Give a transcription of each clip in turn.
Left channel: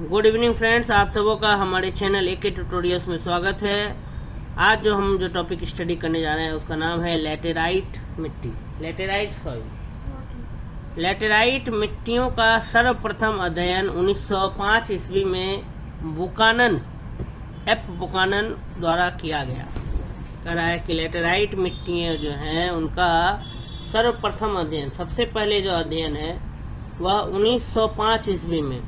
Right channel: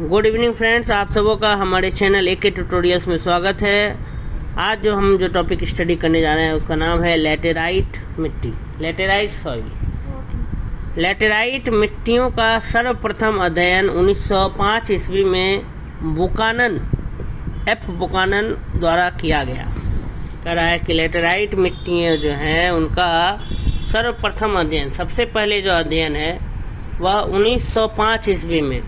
Good evening friends, आप सबों का हमारे चैनल एके ट्यूटोरियल्स में स्वागत है। आज जो टॉपिक स्टडी करने जा रहे हैं उसका नाम है लैटेराइट मिट्टी, लैटेराइट सॉइल। लैटेराइट मिट्टियों का सर्वप्रथम अध्ययन 1905 ईस्वी में बुकानन द्वारा किया गया। कह रहा है कि लैटेराइट मिट्टियाँ जो हैं उनका सर्वप्रथम अध्ययन, सबसे पहले जो अध्ययन है वह 1905 ईस्वी में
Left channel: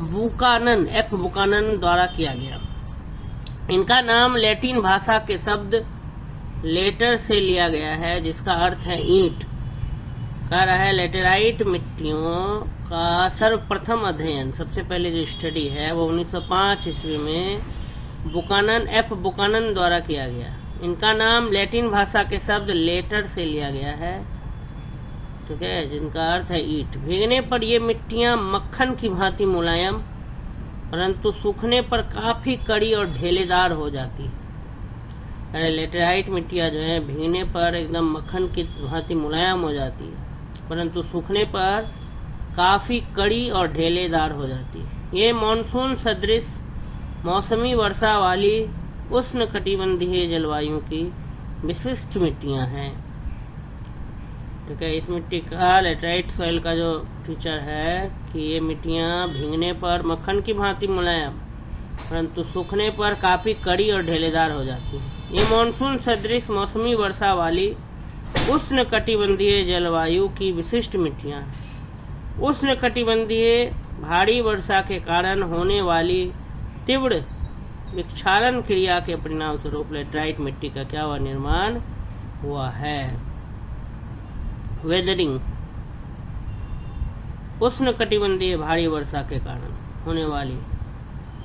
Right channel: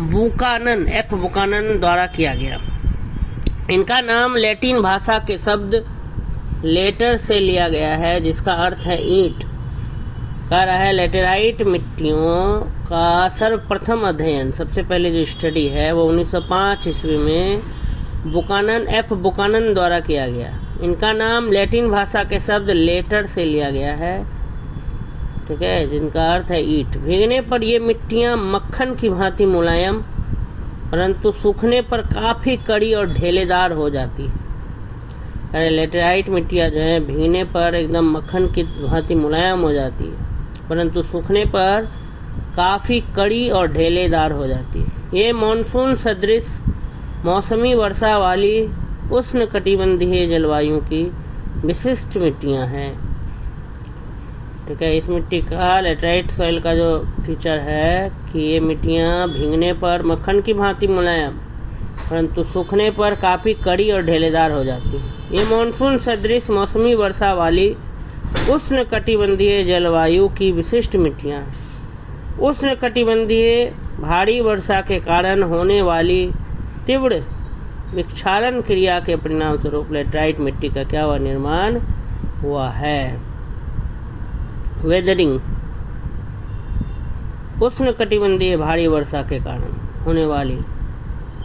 बुकानन द्वारा किया गया। इनका नाम लैटिन भाषा के शब्द लेटर से लिया गया है जिसका अर्थ है ईंट। कह रहा है लैटेराइट मिट्टियों का सर्वप्रथम अध्ययन, सबसे पहले जो स्टडी है वो 1905 ईस्वी में बुकानन द्वारा किया गया। इनका नाम लैटिन भाषा के शब्द लेटर से लिया गया है, ठीक है, जिनका अर्थ है ईंट। भीगने पर ये मिट्टियाँ मक्खन की भांति मुलायम परंतु सूखने पर काफ़ी कड़ी और ढेलेदार हो जाती है। लैटेराइट मिट्टियाँ जो है भीगने पर एकदम मक्खन की भांति मुलायम हो जाती है परंतु सूखने पर काफ़ी कड़ी और ढेलेदार हो जाती है। ये मानसून सदृश मौसमी वर्षा वाली उष्णकटिबंधीय जलवायु की विशिष्ट मिट्टियाँ हैं, ठीक है। इस मिट्टी का लैटेराइट सॉइल का जो फीचर है कि ये मिट्टियाँ भीगने पर मक्खन की भांति मुलायम परंतु सूखने पर काफ़ी कड़ी और ढेलेदार हो जाती है। ये मानसून सदृश मौसमी वर्षा वाली उष्णकटिबंधीय जलवायु की विशिष्ट मिट्टियाँ। उष्णकटिबंधीय भारी वर्षा के कारण होने वाली तीव्र विक्षालन क्रिया के परिणाम स्वरूप लैटेराइट मिट्टी का क्या हुआ, निर्माण हुआ है। वेदरिंग, उष्णकटिबंधीय भारी वर्षा के कारण होने वाली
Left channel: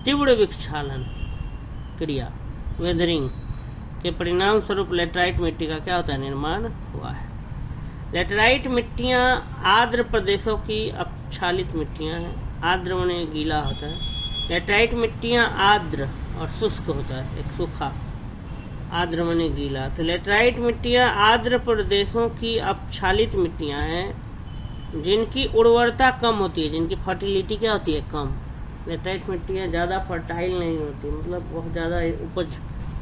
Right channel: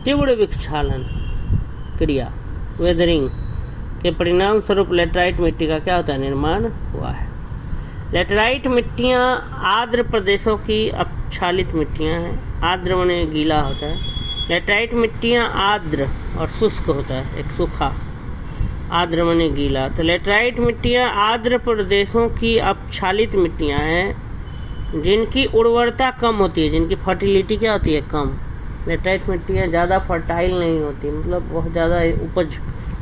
तीव्र विक्षालन क्रिया, वेदरिंग के परिणाम स्वरूप लैटेराइट मिट्टी का क्या होता है, निर्माण हुआ है। लैटेराइट मिट्टियाँ आर्द्र प्रदेशों की अपक्षालित मिट्टियाँ हैं। आर्द्र माने गीला होता है। लैटेराइट मिट्टियाँ आर्द्र और शुष्क होता है, एक सूखा, आर्द्र माने गीला। तो लैटेराइट मिट्टियाँ आर्द्र प्रदेशों की अपक्षालित मिट्टियाँ हैं जिनकी उर्वरता कम होती है, जिनकी फर्टिलिटी क्या होती है, कम। लैटेराइट मिट्टियाँ ज़्यादा फर्टाइल नहीं होती, मतलब बहुत ज़्यादा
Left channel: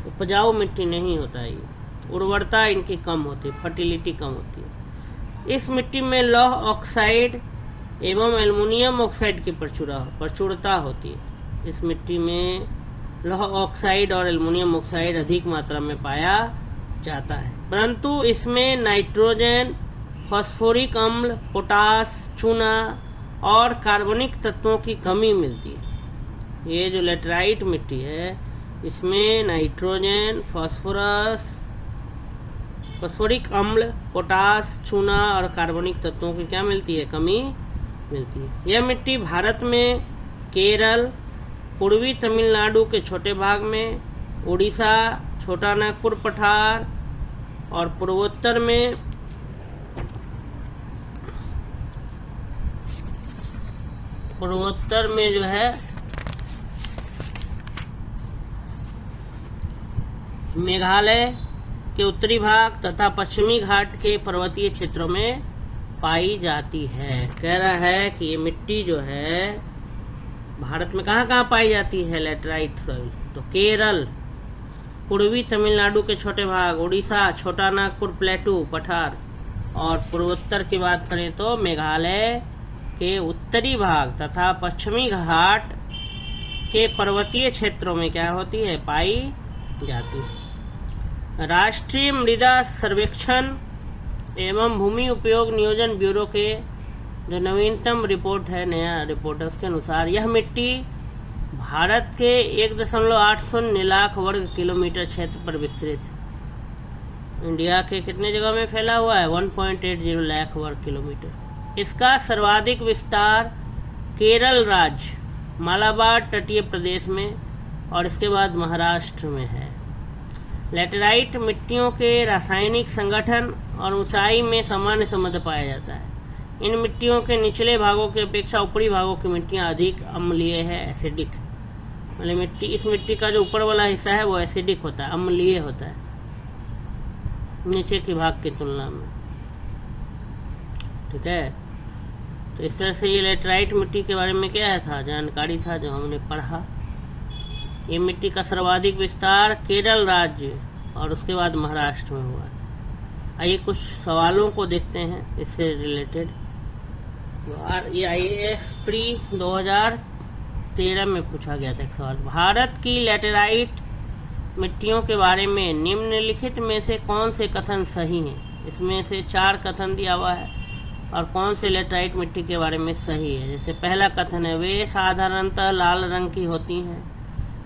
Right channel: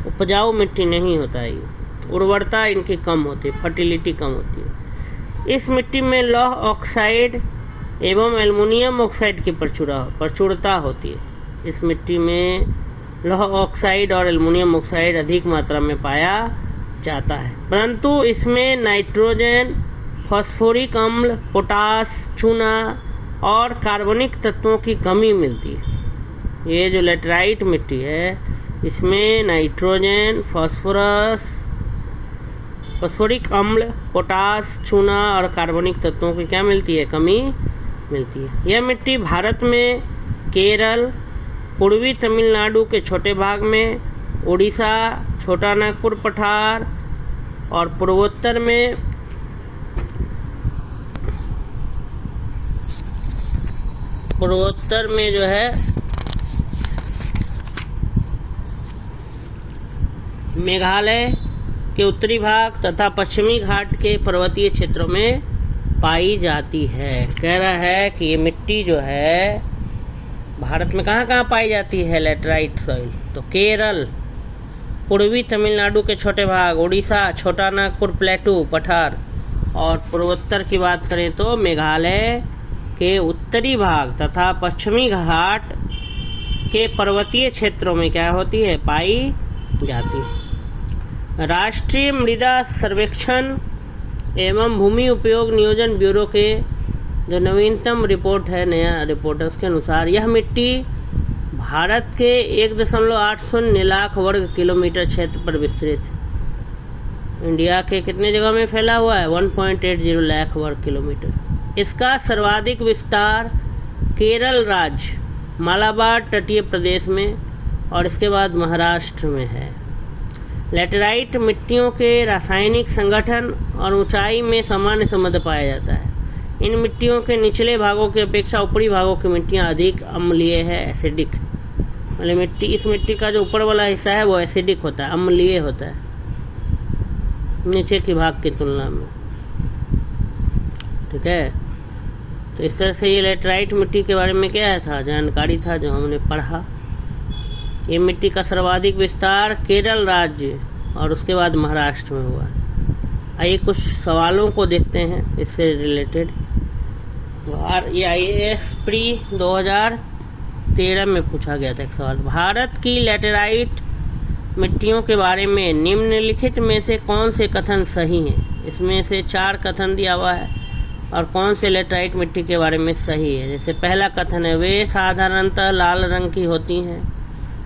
उपजाऊ मिट्टी नहीं होता है। उर्वरता इनकी कम होती है, फर्टिलिटी कम होती है। इस मिट्टी में लौह ऑक्साइड एवं एल्युमिनियम ऑक्साइड की प्रचुरता होती है। इस मिट्टी में लौह ऑक्साइड और एल्युमिनियम ऑक्साइड अधिक मात्रा में पाया जाता है परंतु इसमें नाइट्रोजन, फास्फोरिक अम्ल, पोटास, चूना और कार्बनिक तत्वों की कमी मिलती है। ये जो लैटेराइट मिट्टी है इसमें नाइट्रोजन, फास्फोरिक अम्ल, पोटास, चूना और कार्बनिक तत्वों की क्या मिलती है, कमी मिलती है। यह मिट्टी भारत में केरल, पूर्वी तमिलनाडु के छोटे भाग में, उड़ीसा, छोटा नागपुर पठार और पूर्वोत्तर में जो है मेघालय के उत्तरी भाग तथा पश्चिमी घाट के पर्वतीय क्षेत्रों में पाई जाती है। कह रहा है कि ये मिट्टी जो है भारत में कहाँ कहाँ पाई जाती है लैटेराइट सॉइल, तो केरल, पूर्वी तमिलनाडु के छोटे भाग, उड़ीसा, छोटा नागपुर प्लेटू पठार और पूर्वोत्तर की बात करें तो मेघालय के उत्तरी भाग तथा पश्चिमी घाट के पर्वतीय क्षेत्रों में क्या होती है, पाई जाती है। राष्ट्रीय मृदा सर्वेक्षण एवं भूमि उपयोग नियोजन ब्यूरो के जो नवीनतम रिपोर्ट है, नया रिपोर्ट है, उसके अनुसार यह मिट्टी भारत के 1.80 लाख वर्ग किलोमीटर क्षेत्र पर विस्तृत, इंडिया के कितने जगह में फैला हुआ है, 1.80 लाख वर्ग किलोमीटर। इसका सर्वाधिक विस्तार केरल राज्य, मालाबार तटीय प्रदेश में और इसके बाद महाराष्ट्र में है। लैटेराइट मिट्टियों के रासायनिक संगठन और ऊंचाई में सामान्य संबंध पाया जाता है। इन मिट्टियों के निचले भागों की अपेक्षा ऊपरी भागों की मिट्टियाँ अधिक अम्लीय है, एसिडिक। मतलब इस मिट्टी का जो ऊपर वाला हिस्सा है वो एसिडिक होता है, अम्लीय होता है नीचे के भाग की तुलना में, ठीक है। तो इस तरह से ये लेटराइट मिट्टी के बारे में क्या था, जानकारी था जो हमने पढ़ा। ये मिट्टी का सर्वाधिक विस्तार केरल राज्य और उसके बाद महाराष्ट्र में हुआ। आइए कुछ सवालों को देखते हैं इससे रिलेटेड। ये IAS प्री 2013 में पूछा गया था एक सवाल। भारत की लेटराइट मिट्टियों के बारे में निम्नलिखित में से कौन से कथन सही हैं? इसमें से 4 कथन दिया हुआ है और कौन से लेटराइट मिट्टी के बारे में सही है। जैसे पहला कथन है, वे साधारणतः लाल रंग की होती हैं,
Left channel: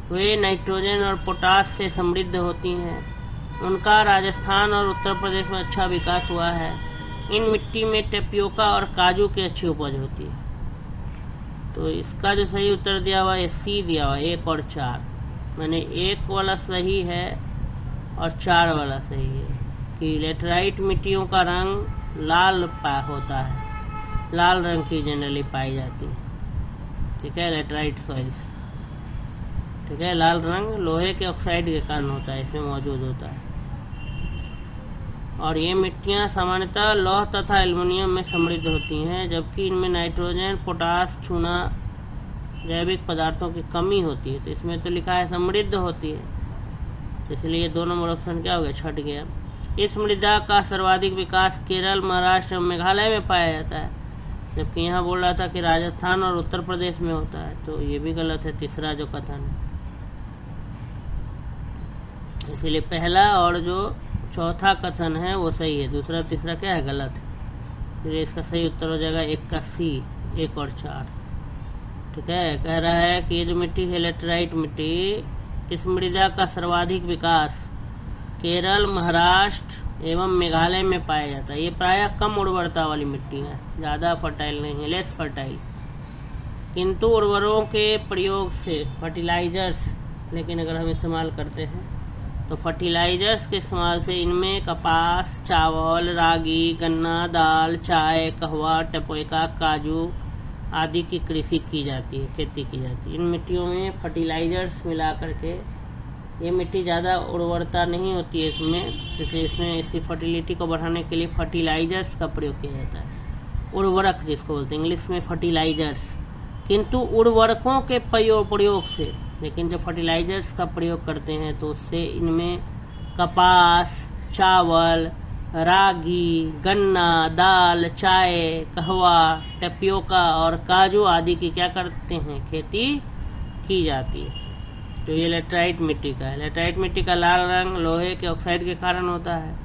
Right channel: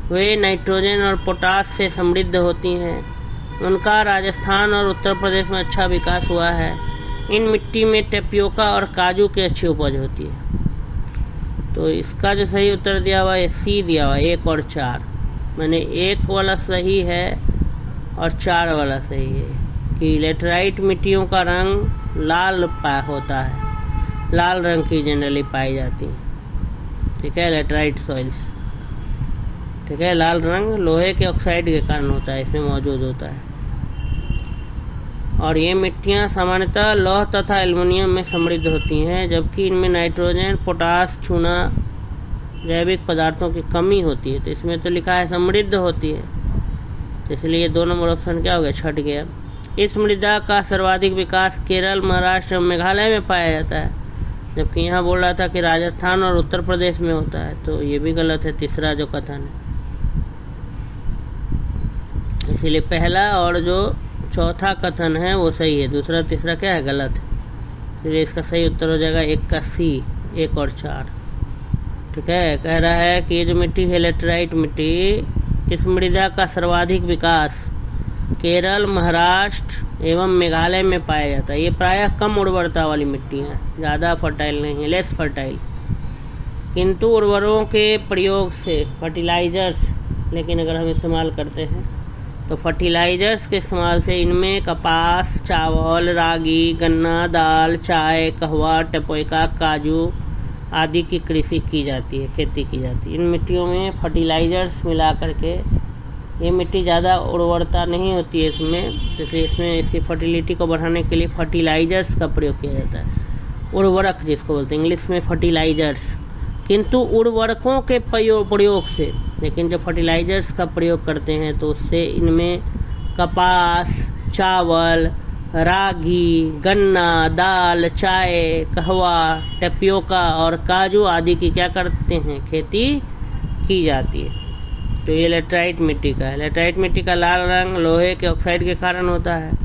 वे नाइट्रोजन और पोटास से समृद्ध होती हैं, उनका राजस्थान और उत्तर प्रदेश में अच्छा विकास हुआ है, इन मिट्टी में टेपियोका और काजू की अच्छी उपज होती है। तो इसका जो सही उत्तर दिया हुआ है सी दिया हुआ है, 1 और 4। मैंने 1 वाला सही है और 4 वाला सही है कि लेटराइट मिट्टियों का रंग लाल होता है, लाल रंग की जनरली पाई जाती है। ठीक है, लेटराइट सॉइल्स। ठीक है, लाल रंग लोहे के ऑक्साइड के कारण होता है, इसमें मौजूद होता है। और ये मिट्टियाँ सामान्यतः लौह तथा एल्युमिनियम में समृद्ध होती हैं, जबकि इनमें नाइट्रोजन, पोटास, चूना जैविक पदार्थों की कमी होती है। तो इसमें तो लिखा है समृद्ध होती है, तो इसलिए 2 नंबर ऑप्शन क्या हो गया, छट गया। इस मृदा का सर्वाधिक विकास केरल, महाराष्ट्र और मेघालय में पाया जाता है, जबकि यहाँ बोल रहा था कि राजस्थान और उत्तर प्रदेश में होता है। तो ये भी गलत है, तीसरा जो कथन है। इसीलिए पहला और जो चौथा कथन है वो सही है, दूसरा तीसरा क्या है, गलत है। इसलिए इसका सही उत्तर हो जाएगा 1 का सी, 1 और 4। ठीक है, कह रहा है कि ये जो मिट्टी है लेटराइट मिट्टी, इस मृदा का सर्वाधिक विकास केरल, महाराष्ट्र एवं मेघालय में पाया जाता है। ये प्रायः कम उर्वरता वाली मिट्टी है, ज़्यादा फर्टाइल नहीं है, लेस फर्टाइल, किंतु उर्वरों के प्रयोग से फर्टिलाइजर्स, लेकिन अगर हम इस्तेमाल करते हैं तो फर्टिलाइजर्स के इस्तेमाल से इनमें कपास, चावल, रागी, गन्ना, दाल, चाय, कहवा, टेपोइका, काजू आदि की कृषि की जाती है, खेती की जाती है। इन मिट्टियों में फर्टिलाइजर्स मिला करके, ये मिट्टी ज़्यादा उर्वरता नहीं होती है इसमें, इसलिए इसमें इसकी फर्टिलिटी को बढ़ाने के लिए फर्टिलाइजर्स का प्रयोग किया जाता है। उर्वरक जिसको बोलते हैं इंग्लिश में फर्टिलाइजर्स, किंतु उर्वरकों के प्रयोग से, लेकिन जब फर्टिलाइजर्स का प्रयोग करते हैं तो उससे इनमें कपास, चावल, रागी, गन्ना, दाल, चाय, कहवा, टेपियोका और काजू आदि की क्या करते हैं, खेती की जाती है। तो ये लेटराइट मिट्टी का है। लेटराइट मिट्टी का लाल रंग लोहे के ऑक्साइड के कारण होता है।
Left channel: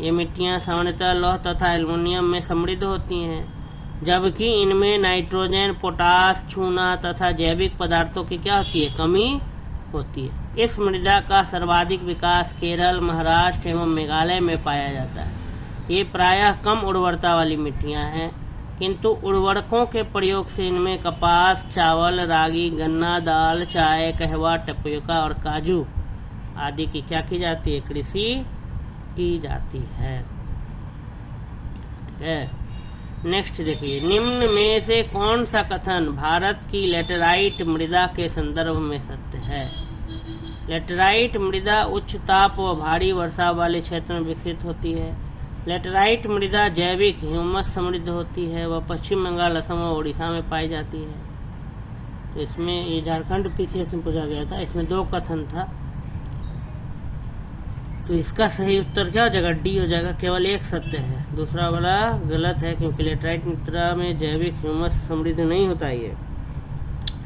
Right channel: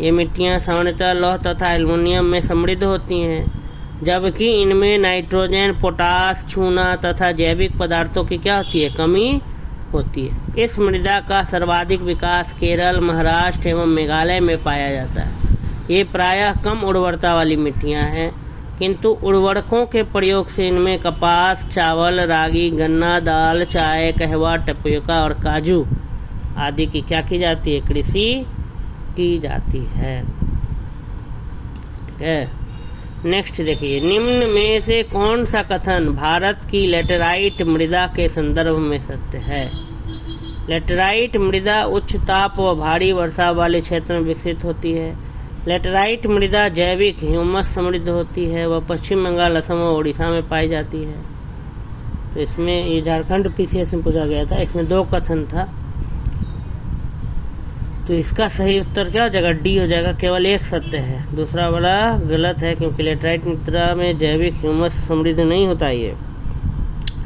ये मिट्टियाँ सामान्यतः लौह तथा एल्युमिनियम में समृद्ध होती हैं, जबकि इनमें नाइट्रोजन, पोटास, चूना तथा जैविक पदार्थों की क्या होती है, कमी होती है। इस मृदा का सर्वाधिक विकास केरल, महाराष्ट्र एवं मेघालय में पाया जाता है। ये प्रायः कम उर्वरता वाली मिट्टियाँ हैं, किंतु उर्वरकों के प्रयोग से इनमें कपास, चावल, रागी, गन्ना, दाल, चाय, कहवा, टेपियोका और काजू आदि की क्या की जाती है, कृषि की जाती है। ठीक है, नेक्स्ट देखिए, निम्न में से कौन सा कथन भारत की लेटराइट मृदा के संदर्भ में सत्य है। लेटराइट मृदा उच्च ताप व भारी वर्षा वाले क्षेत्र में विकसित होती है। लेटराइट मृदा जैविक ह्यूमस समृद्ध होती है। वह पश्चिम बंगाल, असम और उड़ीसा में पाई जाती है। तो इसमें ये झारखंड PCS में पूछा गया था, इसमें 2 कथन था, तो इसका सही उत्तर क्या हो जाएगा, डी हो जाएगा, केवल 1 सत्य है, दूसरा वाला गलत है, क्योंकि लेटराइट मृदा में जैविक ह्यूमस समृद्ध नहीं होता है। ये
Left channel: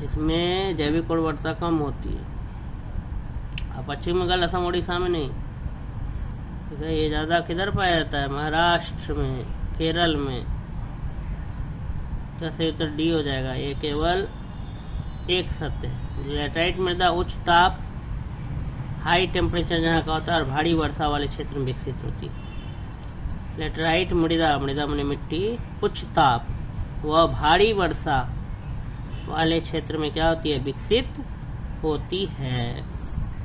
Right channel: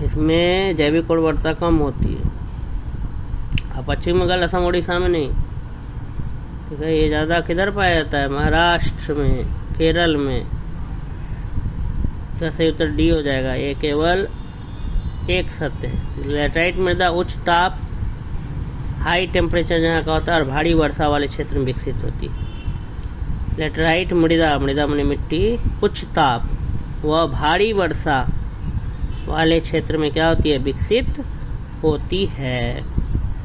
इसमें जैविक उर्वरता कम होती है। अब पश्चिम बंगाल, असम, उड़ीसा में नहीं। ठीक है, ये ज़्यादा किधर पाया जाता है, महाराष्ट्र में, केरल में। तो सही उत्तर डी हो जाएगा, ये केवल 1 सत्य है। लेटराइट मृदा उच्च ताप, हाई टेम्परेचर जहाँ का होता है और भारी वर्षा वाले क्षेत्र में विकसित होती है। लेटराइट मृदा, मृदा माने मिट्टी, उच्च ताप व भारी वर्षा वाले क्षेत्र में क्या होती है, विकसित होती है।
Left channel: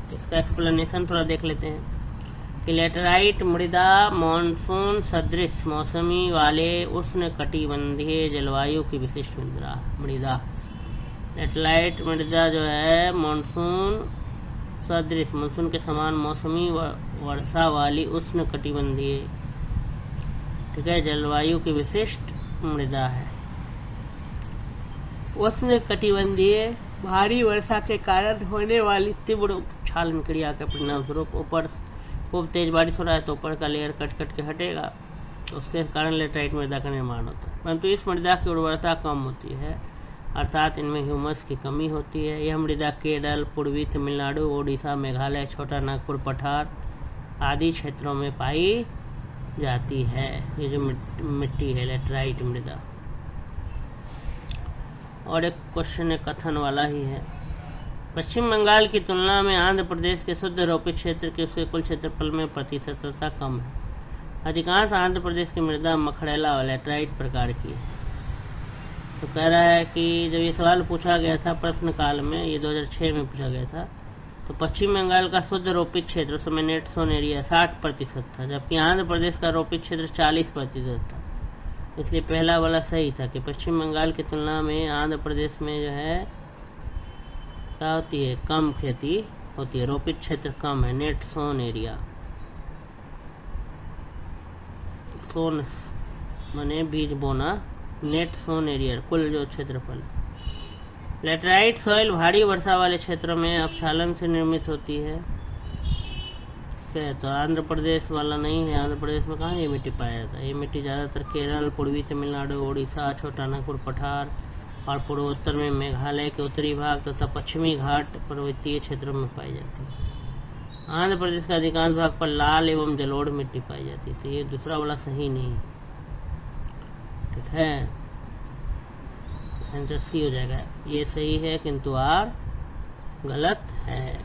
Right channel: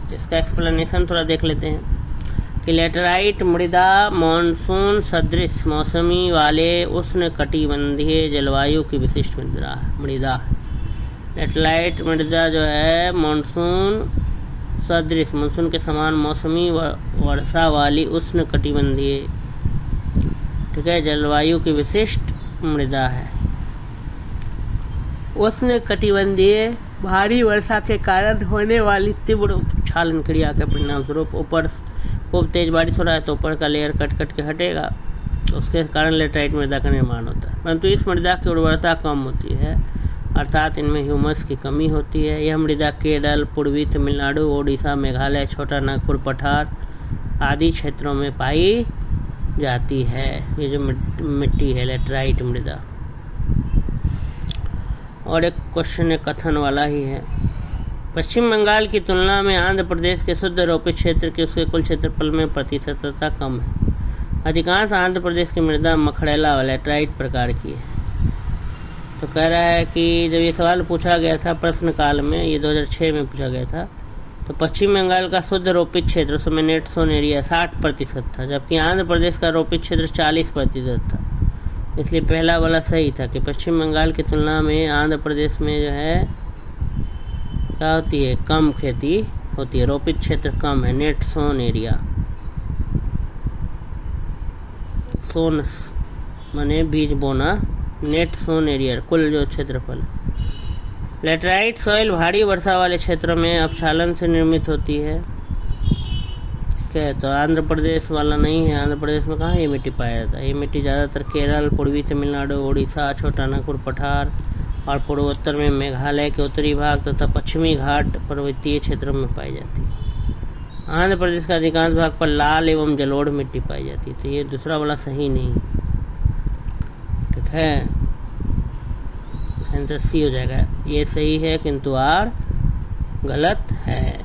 तो इसका एक्सप्लेनेशन थोड़ा देख लेते हैं कि लेटराइट मृदा मानसून सदृश मौसमी वाले उष्ण कटिबंधीय जलवायु की विशिष्ट मृदा। लेटराइट मृदा जो है मानसून सदृश, मानसून के समान मौसमी वर्षा वाली उष्ण कटिबंधीय, ठीक है, जलवायु की विशिष्ट मृदा है। उष्णकटिबंधीय भारी वर्षा के कारण होने वाली तीव्र उपक्षालन क्रिया के परिणाम स्वरूप ऊपर खूब तेज बारिश हो रहा है तो ऊपर का लेयर कट कट के हटेगा, उसके कारण लेटराइट मृदा का निर्माण होता है। परंतु इस मृदा की उर्वरता कम होती है, अर्थात इनमें ह्यूमस की कमी होती है। यह मृदा केरल, पूर्वी तमिलनाडु, ओडिशा, मेघालय, छोटा नागपुर पठार आदि क्षेत्रों में पाई जाती है। ये जो मिट्टी है लेटराइट मृदा। और एक क्वेश्चन कथन वाला ही है। पश्चिम बंगाल की तुलना में आंध्र प्रदेश के शुद्ध रोपित क्षेत्र के उसके कुल क्षेत्रफल में प्रतिशतता कम है। अधिकांश आंध्र प्रदेश की मृदा मखड़ेला व लेटराइट प्रकार की है। तो कह रहा है कि जब ये सवाल पूछा गया था प्रश्नकाल में, ये 2006 में पूछा गया था, तो पश्चिम बंगाल का शुद्ध रोपित क्षेत्र उसमें नेट सोन एरिया 60% था, जबकि आंध्र प्रदेश का रोपित क्षेत्र 40% था। इसलिए पहला वाला सही था कि पश्चिम बंगाल की तुलना में आंध्र प्रदेश में जो है क्या होती है, कम खेती होती है, रोपित क्षेत्र कम है, नेट सोन एरिया। सोन माने बीज बोना, नेट सोन एरिया कुल जो क्षेत्रफल। लेटराइट सॉइल भारी वर्षा वाले क्षेत्रों में अपक्षालन से निर्मित होती है। ठीक है, तो आंध्र प्रदेश वाला नहीं है। आंध्र प्रदेश में कहाँ ये मिट्टी पाया जाता है? ये मिट्टी ज़्यादातर केरल, पूर्वी तमिलनाडु, ओडिशा, छोटा नागपुर पठार और पूर्वोत्तर में मेघालय के उत्तरी भाग तथा पश्चिमी घाट पर्वतीय क्षेत्रों में पाई जाती है। आंध्र प्रदेश का अधिकांश भाग पर लाल एवं जलोढ़ मिट्टी पाई जाती है। तो ये दूसरा वाला सही नहीं, ठीक है, आंसर सी हो जाएगा। ये सही है किंतु आर गलत है।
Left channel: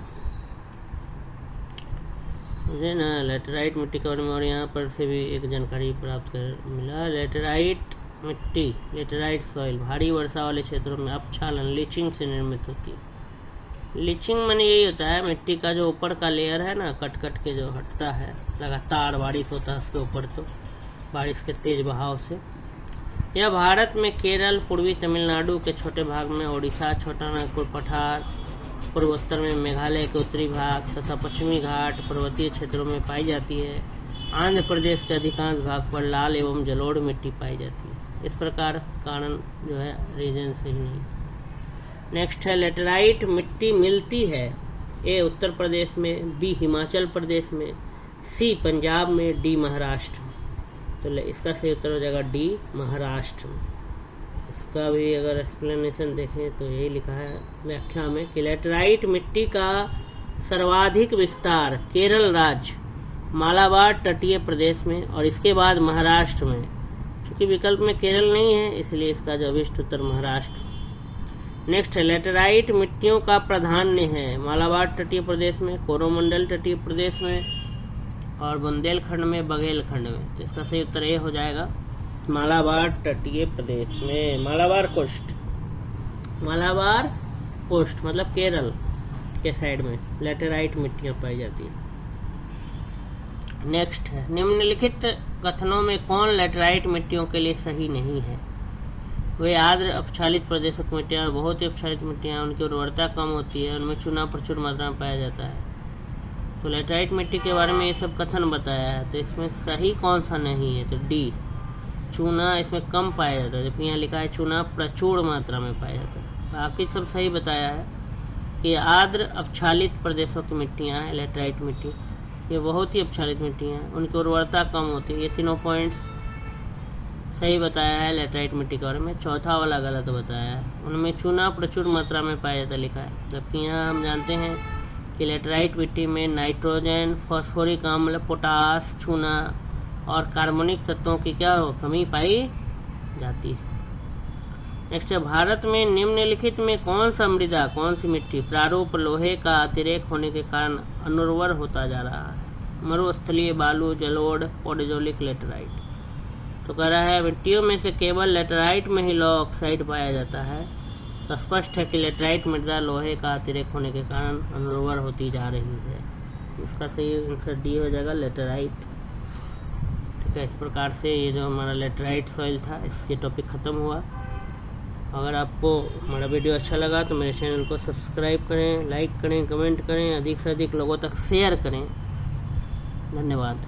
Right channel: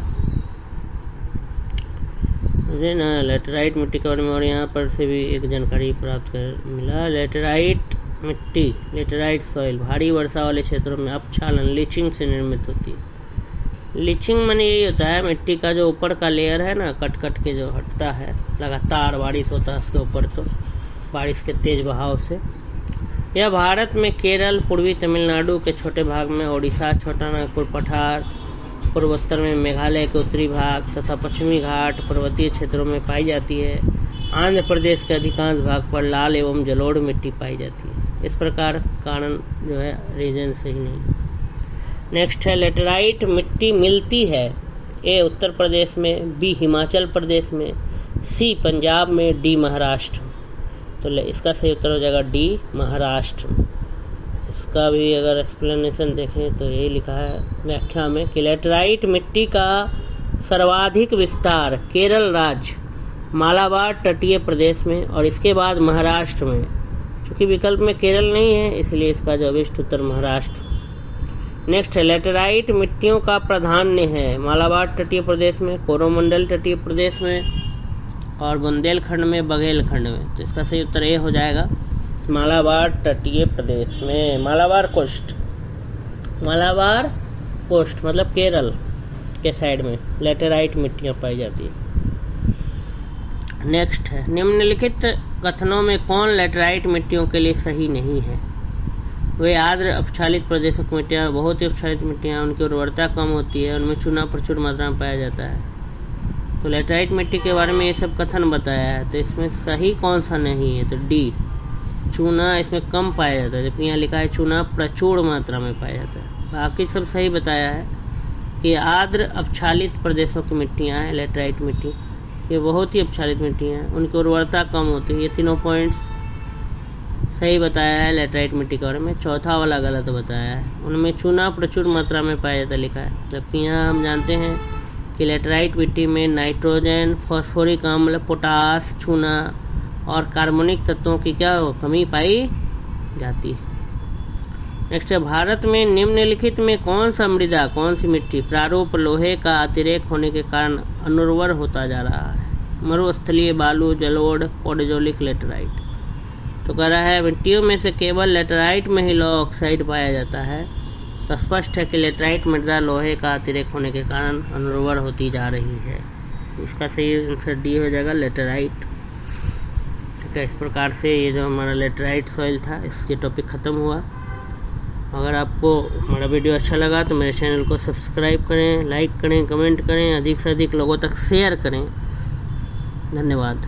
मुझे ना लेटराइट मिट्टी के बारे में और यहाँ पर से भी एक जानकारी प्राप्त कर मिला। लेटराइट मिट्टी, लेटराइट सॉइल भारी वर्षा वाले क्षेत्रों में अपक्षालन लीचिंग से निर्मित होती है। लीचिंग माने यही होता है मिट्टी का जो ऊपर का लेयर है ना, कट कट के जो हटता है, लगातार बारिश होता है उसके ऊपर, तो बारिश के तेज बहाव से। यह भारत में केरल, पूर्वी तमिलनाडु के छोटे भाग में, ओडिशा, छोटा नागपुर पठार, पूर्वोत्तर में मेघालय के उत्तरी भाग तथा पश्चिमी घाट पर्वतीय क्षेत्रों में पाई जाती है। आंध्र प्रदेश के अधिकांश भाग पर लाल एवं जलोढ़ मिट्टी पाई जाती है। इस प्रकार कारण जो है रीजन सही नहीं। नेक्स्ट है लेटराइट मिट्टी मिलती है। ए उत्तर प्रदेश में, बी हिमाचल प्रदेश में, सी पंजाब में, डी महाराष्ट्र। तो इसका सही उत्तर हो जाएगा डी महाराष्ट्र। इसका भी अगर एक्सप्लेनेशन देखें तो यही लिखा है व्याख्या में कि लेटराइट मिट्टी का सर्वाधिक विस्तार केरल राज्य, मालाबार तटीय प्रदेश में और इसके बाद महाराष्ट्र में। चूँकि विकल्प में केरल नहीं है इसलिए इसका जो अभिष्ट उत्तर महाराष्ट्र। नेक्स्ट है लेटराइट मिट्टियों का प्राधान्य है मालाबार तटीय प्रदेश में, कोरोमंडल तटीय प्रदेश में और बुंदेलखंड में, बघेलखंड में। तो इसका सही उत्तर ए हो जाएगा मालाबार तटीय प्रदेश में। मालाबार कोस्ट, मालाबार कोस्ट मतलब केरल के साइड में लेटराइट मिट्टियाँ पाई जाती है। नेक्स्ट है निम्नलिखित कथनों में कौन लेटराइट मिट्टियों के लिए सही नहीं है? वे आर्द्र अपक्षालित प्रदेशों की मिट्टियाँ, बहुत ही अपक्षालित मिट्टियाँ, उनकी उर्वरता कम होती है, उनमें चूना प्रचुर मात्रा में पाया जाता है। तो लेटराइट मिट्टी के बारे में ये सब कथन बताया है, तो इसमें सही कौन सा नहीं है? तो डी, चूना इसमें कम पाया जाता है, जबकि यहाँ लिखा है चूना प्रचुर मात्रा में पाया जाता है। बाकी सब सही बताया है कि आर्द्र अपक्षालित प्रदेशों की मिट्टियाँ हैं लेटराइट मिट्टी, ये बहुत ही अपक्षालित मिट्टियाँ हैं, उनकी उर्वरता कम होती है। ये तीनों पॉइंट्स सही बताया है लेटराइट मिट्टी के बारे में। चौथा वाला गलत बताया है, उनमें चूना प्रचुर मात्रा में पाया जाता लिखा है, जबकि यहाँ हम जानते हैं कि लेटराइट मिट्टी में नाइट्रोजन, फॉस्फोरिक अम्ल, पोटास, चूना और कार्बनिक तत्वों की क्या कमी पाई जाती है। नेक्स्ट है भारत में निम्नलिखित में कौन सा मृदा, कौन सी मिट्टी प्रारूप लोहे का अतिरेक होने के कारण अनुर्वर होता जा रहा है? मरुस्थलीय बालू, जलोढ़, पोडोजोलिक, लेटराइट। तो कह रहा है मिट्टियों में से केवल लेटराइट में ही लौह ऑक्साइड पाया जाता है, तो स्पष्ट है कि लेटराइट मृदा लोहे का अतिरेक होने के कारण अनुर्वर होती जा रही है। इसका सही आंसर डी हो जाएगा लेटराइट। ठीक है, इस प्रकार से ये जो हमारा लेटराइट सॉइल था, इसके टॉपिक ख़त्म हुआ। अगर आपको हमारा वीडियो अच्छा लगा तो मेरे चैनल को सब्सक्राइब करें, लाइक करें, कमेंट करें, अधिक से अधिक लोगों तक शेयर करें। धन्यवाद।